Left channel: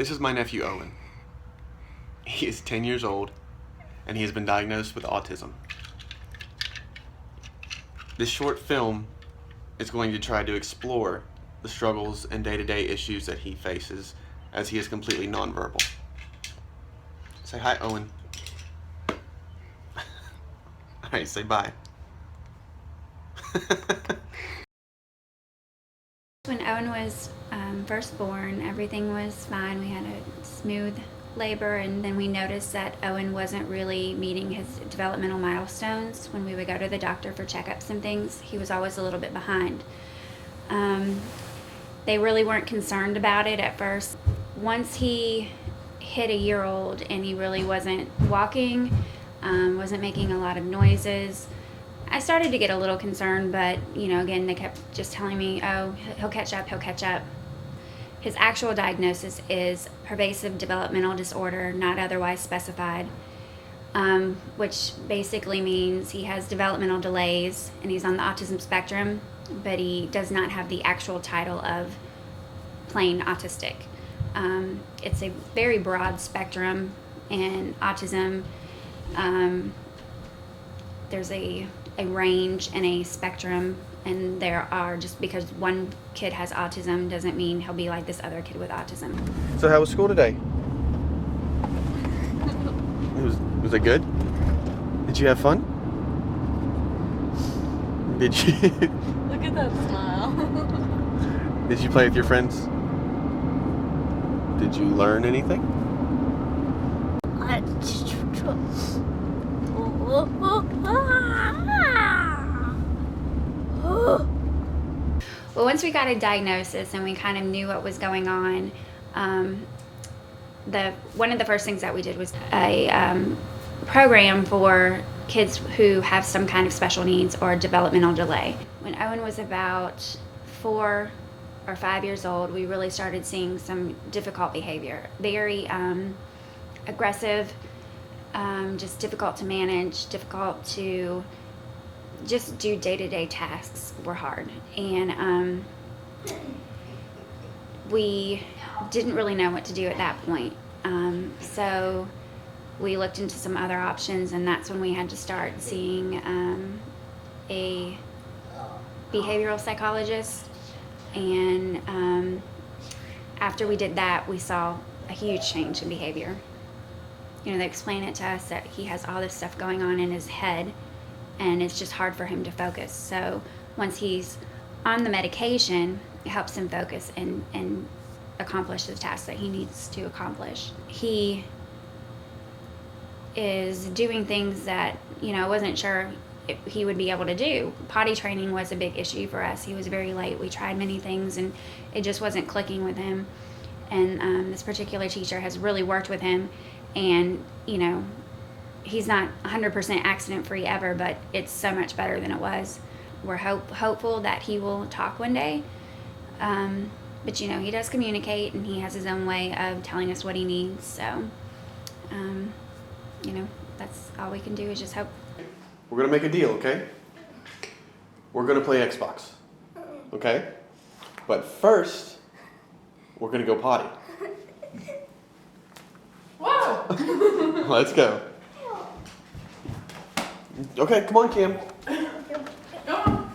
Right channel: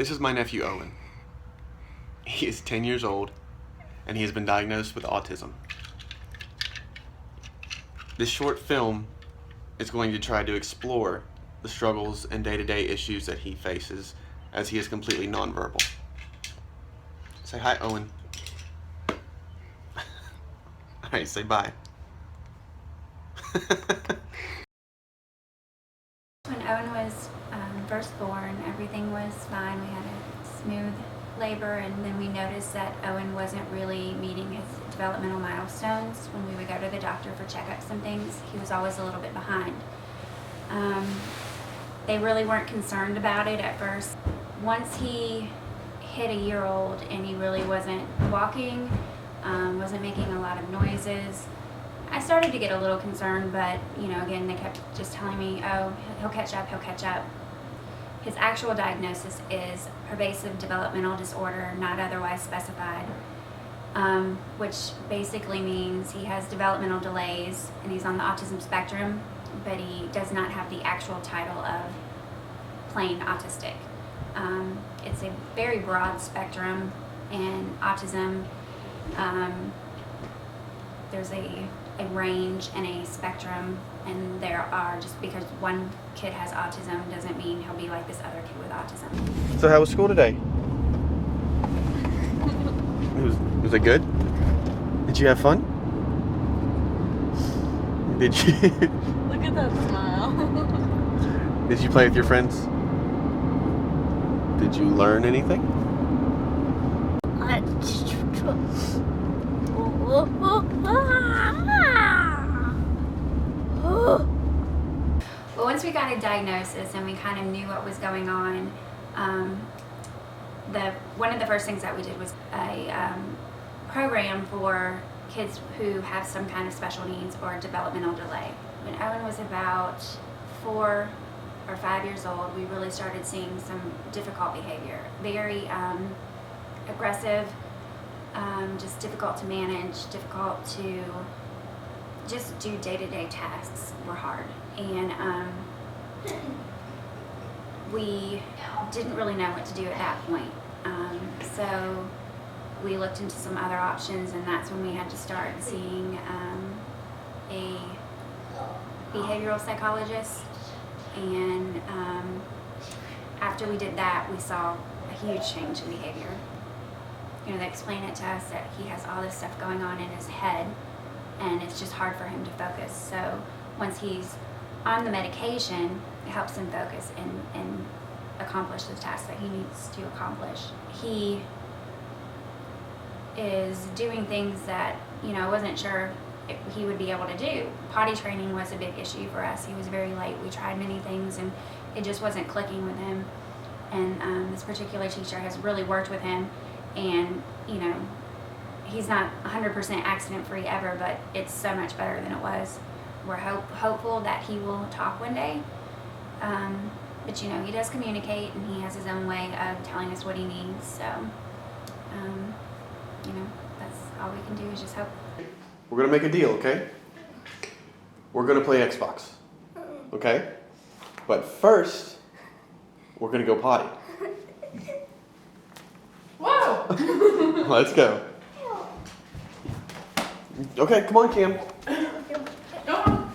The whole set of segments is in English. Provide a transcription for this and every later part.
This is my nephew Owen. He is 10 years old and he has been diagnosed with autism. This short film is going to try to explore the struggles and day-to-day issues that he faces as he is completely nonverbal. Say hi, Owen. Alright, say bye. When Owen was first born, everything was fine. We had a smooth labor, and then we noticed that Owen wasn't really meeting his developmental milestones. When we would go to the doctor for checkups and things, he was always a little bit behind. They really weren't concerned about it at first. Once he hit a year old and he really wasn't walking, wasn't making a lot of noises, I started to get a little concerned, but again, they kept just telling me, oh, he'll catch up, he'll catch up. His actual diagnosis is pervasive developmental disorder, not otherwise specified, which basically means he has developmental delays and he's on the autism spectrum, but he does not have the actual title of plain autistic. It's a very broad spectrum, and autism, there's a range and a spectrum, and there are, just because one kid has autism doesn't mean he'll be like this other kid with autism. So how was school today? Was it good? Did you have fun? Did you? Look at that smile. Did you play with your friends? Did you learn anything? Well, once we got a diagnosis and we kind of knew what was going on, one of the first things that we did was a program for kids who have some kind of special needs or developmental delay. When Owen was about 4 or 5 years old, we really started seeing some difficult behavior. Very aggressive, just difficult to manage, difficult to just do day-to-day tasks were hard. And we didn't really know what to do at that point. So we looked into some other options, and that's when we had to start seeing a behavioral psychologist. And after we did that, we saw a huge change in behavior. They explained it to us that he has all this stuff going on in his head, and it's just hard for him to focus. So once he's on the medication, it helps him focus and accomplish the tasks that he needs to accomplish. He is doing things that, I wasn't sure if he would be able to do. Potty training was a big issue for us. He was very late. We tried many things, and it just wasn't clicking with him. And this particular teacher has really worked with him, and, he's not 100% accident-free ever, but it's so much better than it was. We're hopeful that he will talk one day. But, he does communicate, and he has his own way of telling us what he needs. So, that's all we can do is just hope. We're going to make a deal, okay? We're going to play Xbox, okay? But first, we're going to go potty. Whoa! Let's go. Okay, come on, Cam. Come on,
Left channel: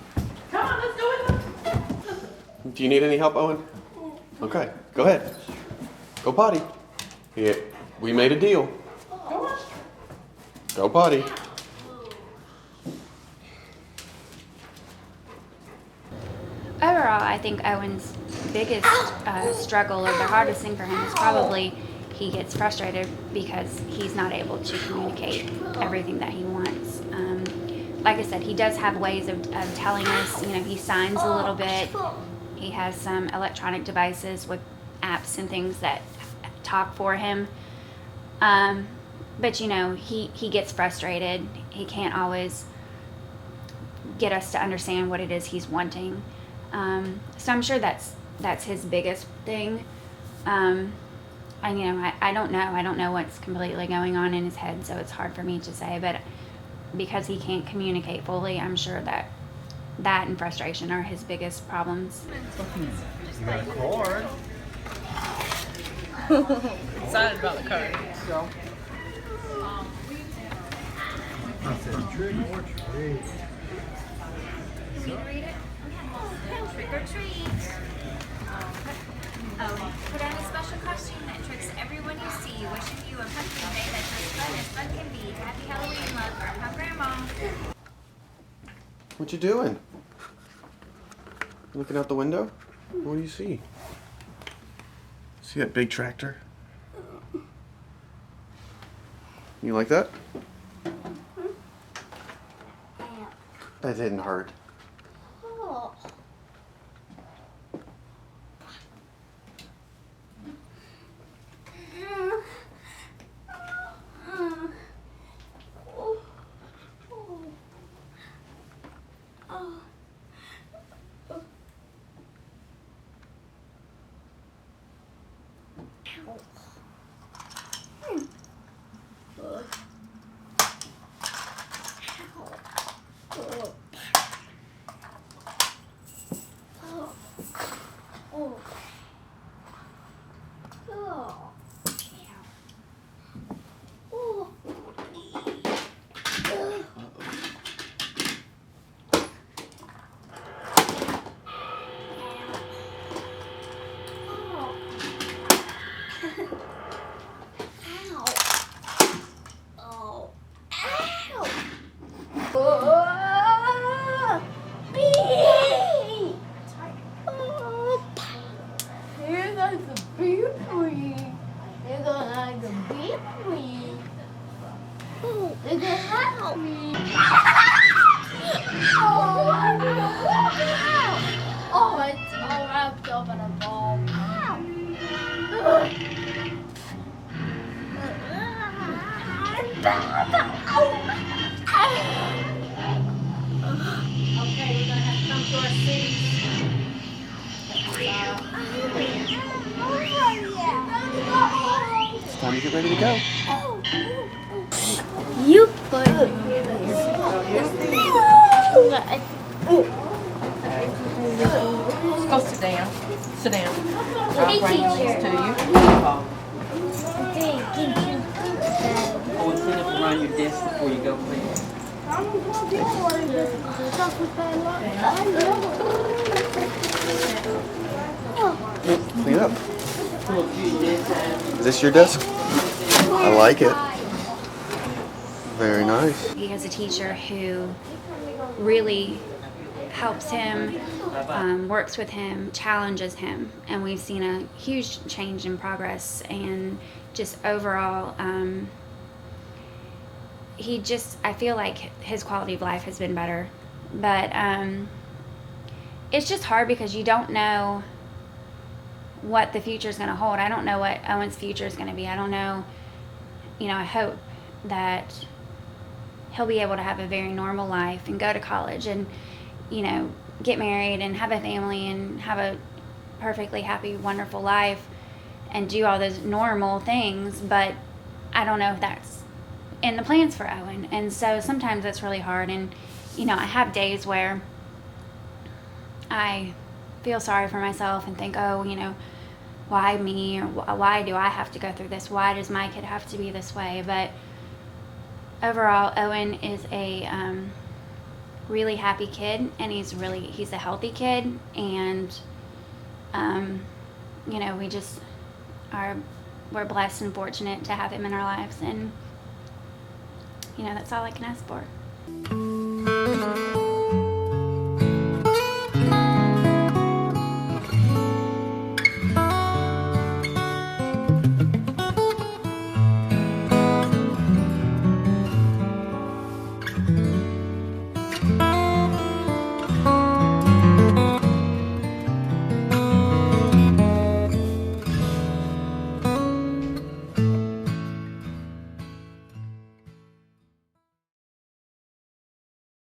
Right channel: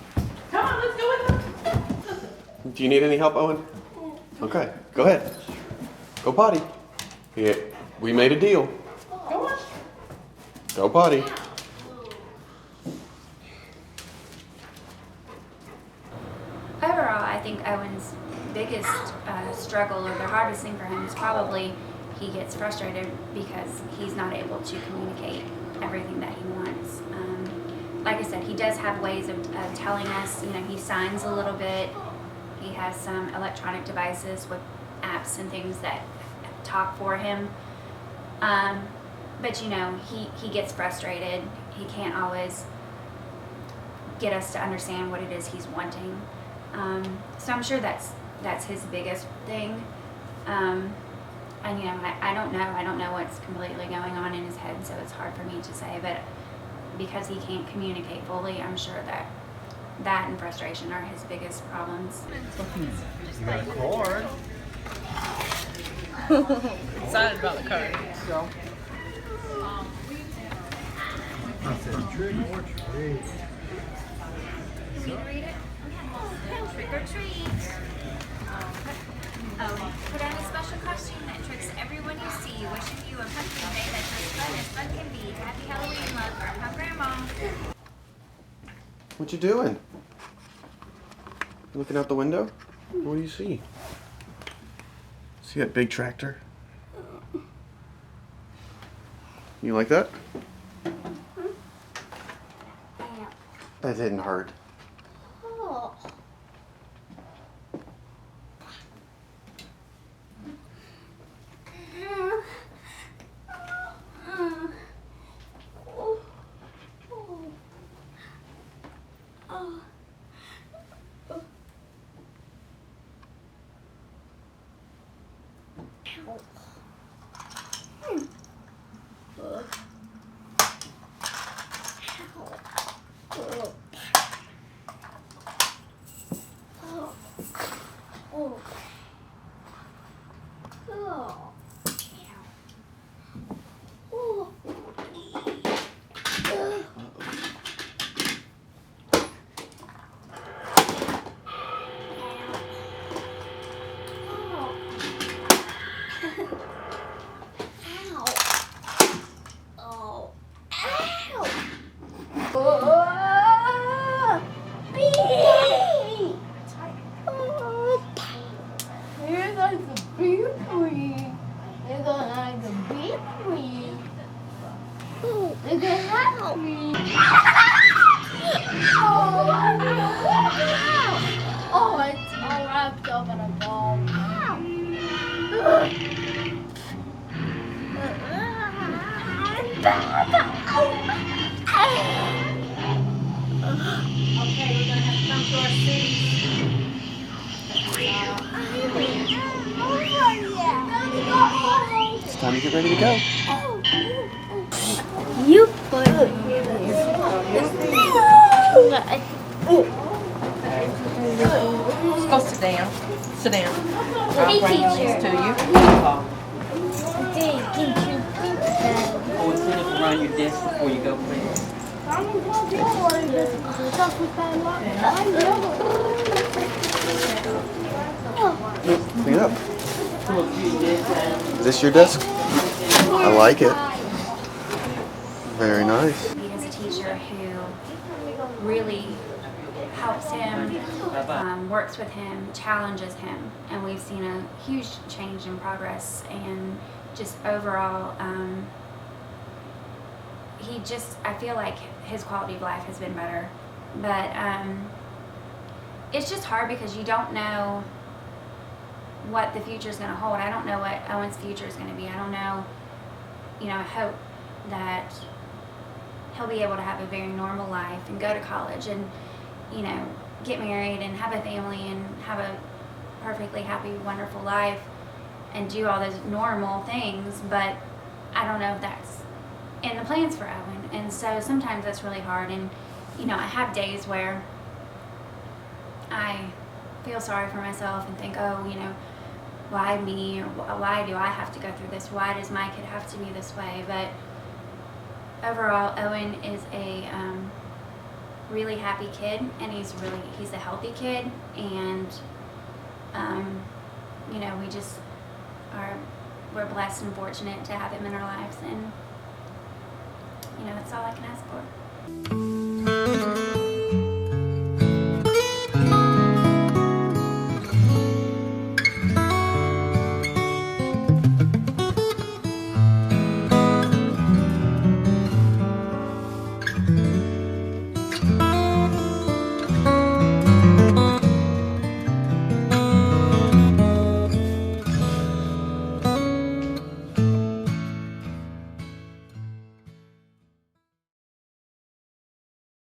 let's go with them. Do you need any help, Owen? Okay, go ahead. Go potty. Yeah, we made a deal. Go on. Go potty. Overall, I think Owen's biggest struggle, or the hardest thing for him, is probably he gets frustrated because he's not able to communicate everything that he wants. Like I said, he does have ways of telling us. He signs a little bit. He has some electronic devices with apps and things that talk for him. But he gets frustrated. He can't always get us to understand what it is he's wanting. So I'm sure that's his biggest thing. I don't know. I don't know what's completely going on in his head, so it's hard for me to say. But because he can't communicate fully, I'm sure that and frustration are his biggest problems. You got a cord. Excited about the card. Can you read it? Trick or treat. Oh, put on a special costume that tricks everyone you see, wishing you a pumpkin day that's as fun can be. Happy Halloween, love from Grandma. What you doing? Looking out the window? What do you see? See that big tractor? You like that? That didn't hurt. Oh, it's all wrapped up in a ball. Okay, we're gonna have to come to our seats. It's time to get ready to go. You put it Go sit down. Sit down. Hey, I'll bring these teacher. to you. Hey, teacher. Oh, and clean up around your desk before you go, please. Clean it up. Pull up to your desk and Is this your desk? I like it. Very nice. He has a teacher who really helps him, works with him, challenges him, and we've seen a huge change in progress and just overall, I feel like his quality of life has been better, but it's just hard because you don't know what the future is going to hold. I don't know what Owen's future is going to be. I don't know, I hope that he'll be able to have a very normal life and go to college and, get married and have a family and have a perfectly happy, wonderful life and do all those normal things, but I don't know if that's in the plans for Owen. And so sometimes that's really hard. And, I have days where I feel sorry for myself and think, oh, why me? Or why do I have to go through this? Why does my kid have to be this way? But overall, Owen is a really happy kid, and he's a healthy kid, and we're blessed and fortunate to have him in our lives, and that's all I can ask for.